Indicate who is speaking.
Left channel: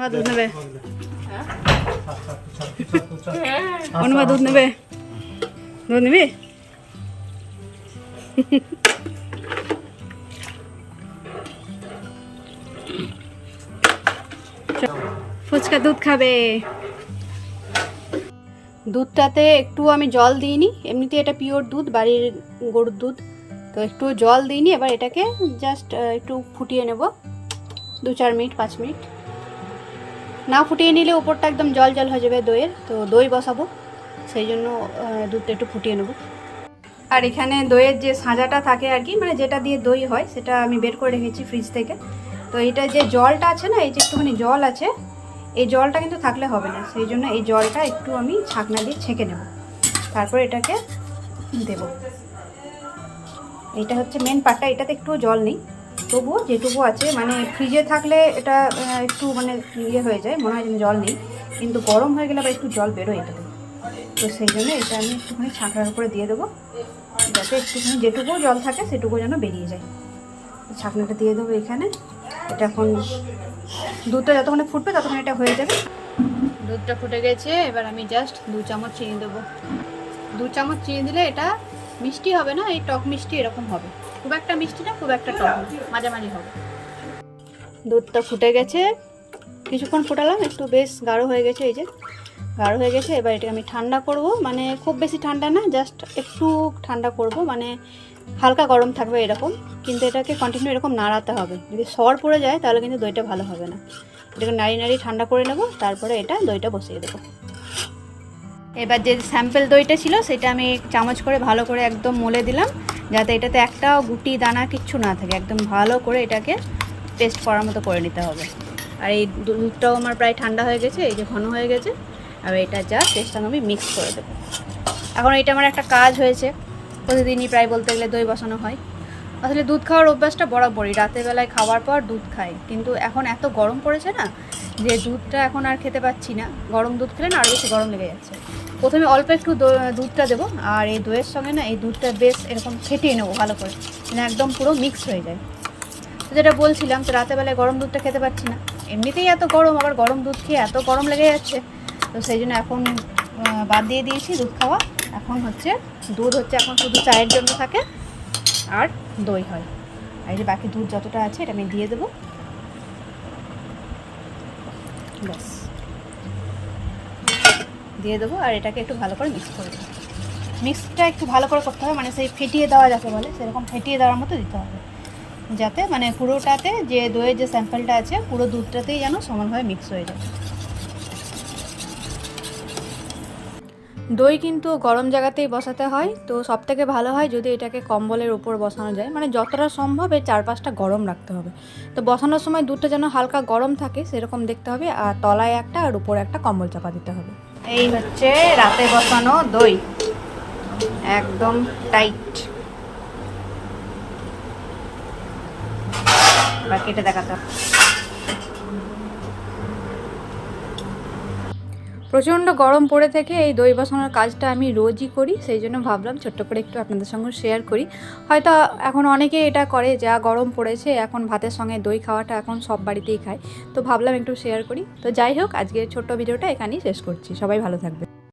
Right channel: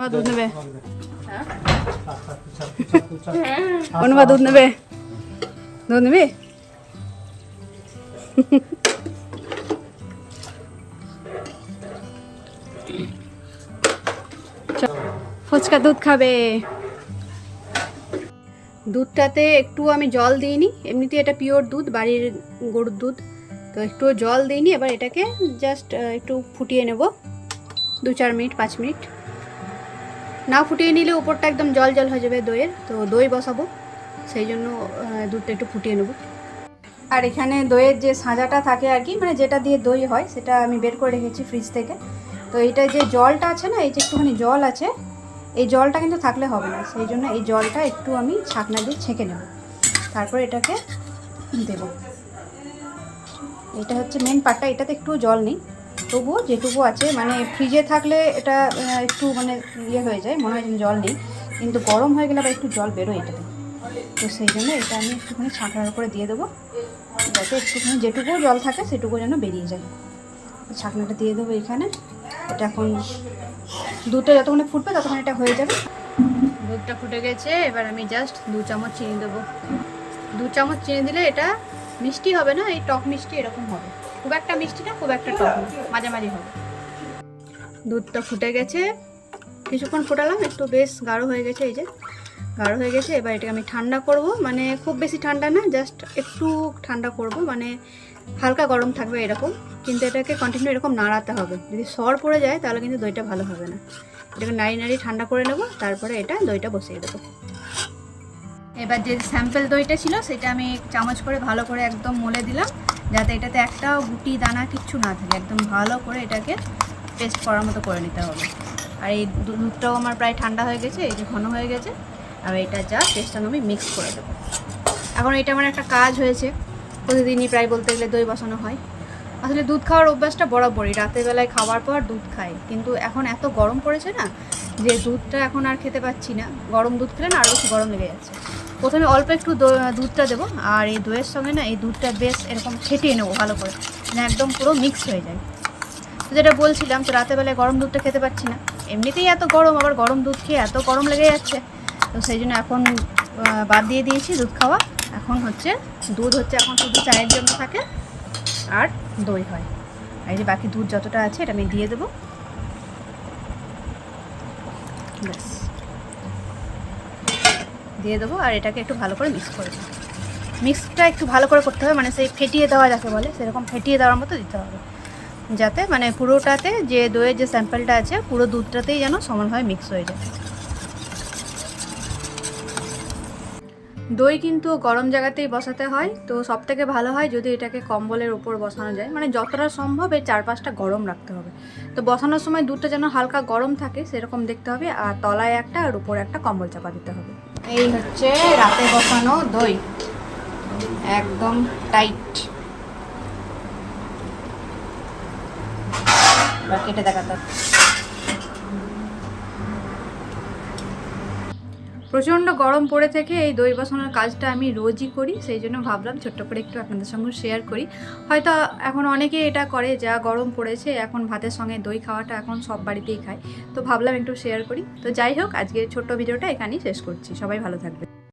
Speaker 1: অনুবা দুধ নেবে অনুবা দুধ নেবে দুধ নিবি ফুচকা দুধ খাবে। দুধটাতে একটু আমি জল দিইনি। এমনিতে এটা পিওর দুধ বাড়ির গরুর দুধ। তো একটু জল দিইনি এবার এটাকে জাস্ট একটু ফুটিয়ে নেব। দু চার মিনিট পাঁচ মিনিট। না ফুটিয়ে নিলে উপরটা একদম জল জল হয়ে যাবে দইয়ের, তো দই বসাবো, সেই জন্য দুধটা একটু ফুটিয়ে নেব। আর এখানে দইয়ের যে সাজাটা থাকে আর কি মানে যেটা দিয়ে দই হয়, সেটা আমি বের করে রেখেছি ফ্রিজ থেকে। তো এটা যে জলটা আছে না, এই যে একটুখানি জল আছে, এই জলটা কিন্তু থাকলে হবে না, সেই জন্য এই জলটা একটু আমি ছাকনা দিয়ে ছেঁকে নেব। তারপর এটাকে দেব। এটা হচ্ছে মেন পার্টটা এটাতে একটু জল নেই। তবুও যেটুকু আছে মানে ফ্রিজে থাকলে এটা একটু মানে ইয়ে হয়ে যায়, মনে হয় যেন জল নেই, কিন্তু গরম হয়ে গেলে আবার একটু জল বেরোয় এটাতে। তো সেই জন্য এটা আমি একটুখানি ছাঁকড়ার উপরে দিয়ে দেবো, যাতে একটুখানি যেটুকু জল থাকে সেটুকু যেন বেরিয়ে যায়। ছাকনাটা দিয়ে দেবো এখানে। এটা এখন দুধটা যতক্ষণে ফুটবে ততক্ষণ এটা হয়ে যাবে। দুধটা ফুটে গেছে, এবার আমি জাস্ট দু চামচ চিনি দেবো। দু চামচ চিনি দিলে এটা মিষ্টি হবে না? এই টক মিষ্টি এরকম হবে। খুব একটা মিষ্টি না খুব একটা টক মাঝামাঝি হবে। দুধটা ফুটে গেছে। কিছুক্ষণ ফোটালাম, একটু বেশ গাঢ় হয়ে গেছে, এই যে গাঢ় হয়ে গেছে। এবার এটাকে আমি ঠান্ডা করব মানে খুব বেশি ঠান্ডা না, জাস্ট একটু ঠান্ডা করব মানে হালকা গরম থাকবে এরকম, কিন্তু এটাকে কন্টিনিউ এরকম নাড়াতে হবে। যদি সর পড়ে যায়, তাহলে কিন্তু দইটা ভালো হবে না। এটাকে নাড়ি নাড়ি ঠান্ডা করে নেব, তারপরে এটা দইটা বসিয়ে দেবো। এবার যে স্যাম্পেল দইটা ছিল, সেটা আমি চামচ করে ভালো করে একদম মলে দিলাম। যাতে এটাতে একটাও গুটি দানা কিচ্ছু না থাকে। একদম ভালো করে এটাকে পেস্ট করার মতো করে নিতে হবে। আর এই দুধটাও আমার প্রায় ঠান্ডা হয়ে গেছে, এই যে ঘন হয়ে গেছে। আর এটা যা টেস্টটা আমি মিক্স করে দেবো। এখন এটা আমার একটা কাজ হয়েছে। প্রতিদিনই প্রায় বলতে গেলে দই বসানো হয়। আসলে দুধ খাওয়ার অভ্যাসটা বরাবরই। বেলায় খাওয়ার পর দুধ খাই। কিন্তু এখন এত গরম পড়েছে না যে দুধটা এখন আর খেতে পাচ্ছি না। গরম দুধ খেলে না আরও বেশি গরম লেগে যাচ্ছে। প্রথমে অল্প একটু দুধটা দেবো আর এই দইয়ের সঙ্গে না এই দুধটা বেশ এরকম ফেটিয়ে নেব ভালো করে। মানে একদম পুরো মিক্স হয়ে যায়। তো যেটা বলছিলাম, তো বেলায় গরম দুধটা খেতে পাচ্ছি না। এমনিতেই এত গরম, আবার গরম দুধ খেয়ে এত গরম লেগে যাচ্ছে। তো সেই জন্য এখন বাদ দিয়ে দিয়েছি দুধ খাওয়া। এখন হচ্ছে, দুধ হচ্ছে এখন শুধু চায়ের জন্য থাকে। আর দই হয়। আর এই যে বাকি দুধ যতটা আছে, এটা আমি দিয়ে দেবো। ব্যাস। দিয়ে দেবো আর এটাকে একটু ভালো করে মিক্স করে দেবো মিক্সটা একটু ভালো করে করতে হবে মানে সেই ফেটিয়ে দেওয়া যাকে বলে, সেরকম ফেটিয়ে দেওয়ার মতো দিতে হবে। যাতে মানে পুরোটাতে যে দইয়ের যে স্যাম্পেলটা আছে, পুরো দুধটাতেই যেন সমানভাবে মিক্স হয়ে যায়। দই কিন্তু গরম জায়গাতেই বসাতে হয়, তো সব থেকে ভালো হয় যদি এটাকে কম্বলের উপর বসানো যায়। মানে যতটা সম্ভব এর চারপাশটা গরম রাখতে হবে। তো বসানোর সময় দুধটা যেন হালকা গরম থাকে সেরকম দেখতে হবে, আর তলায় একটা আর উপরে একটা কম্বল চাপা দিতে হবে। এই হচ্ছে রাতে বসানো দই। একদম টাইট। এবার কেটে দেখাতে হবে। প্রচণ্ড গরম পড়ে থেকে এই দই বসানোর কাজটা আমি রোজই করি, সেই জন্য ভাবলাম ছোট্ট করে একটু আপনাদের সঙ্গে শেয়ার করি। হয়তো এখন অনেকে এটা করে, যা গরম পড়েছে, এখন ভাতের সঙ্গে দই খাওয়াটা এখন সব বাড়িতেই খায়। তো ভাবলাম একটু শেয়ার করি। তো যাই হোক আজকে ছোট্ট ভিডিওটা এখানেই শেষ করছি। সবাই ভালো থাকবে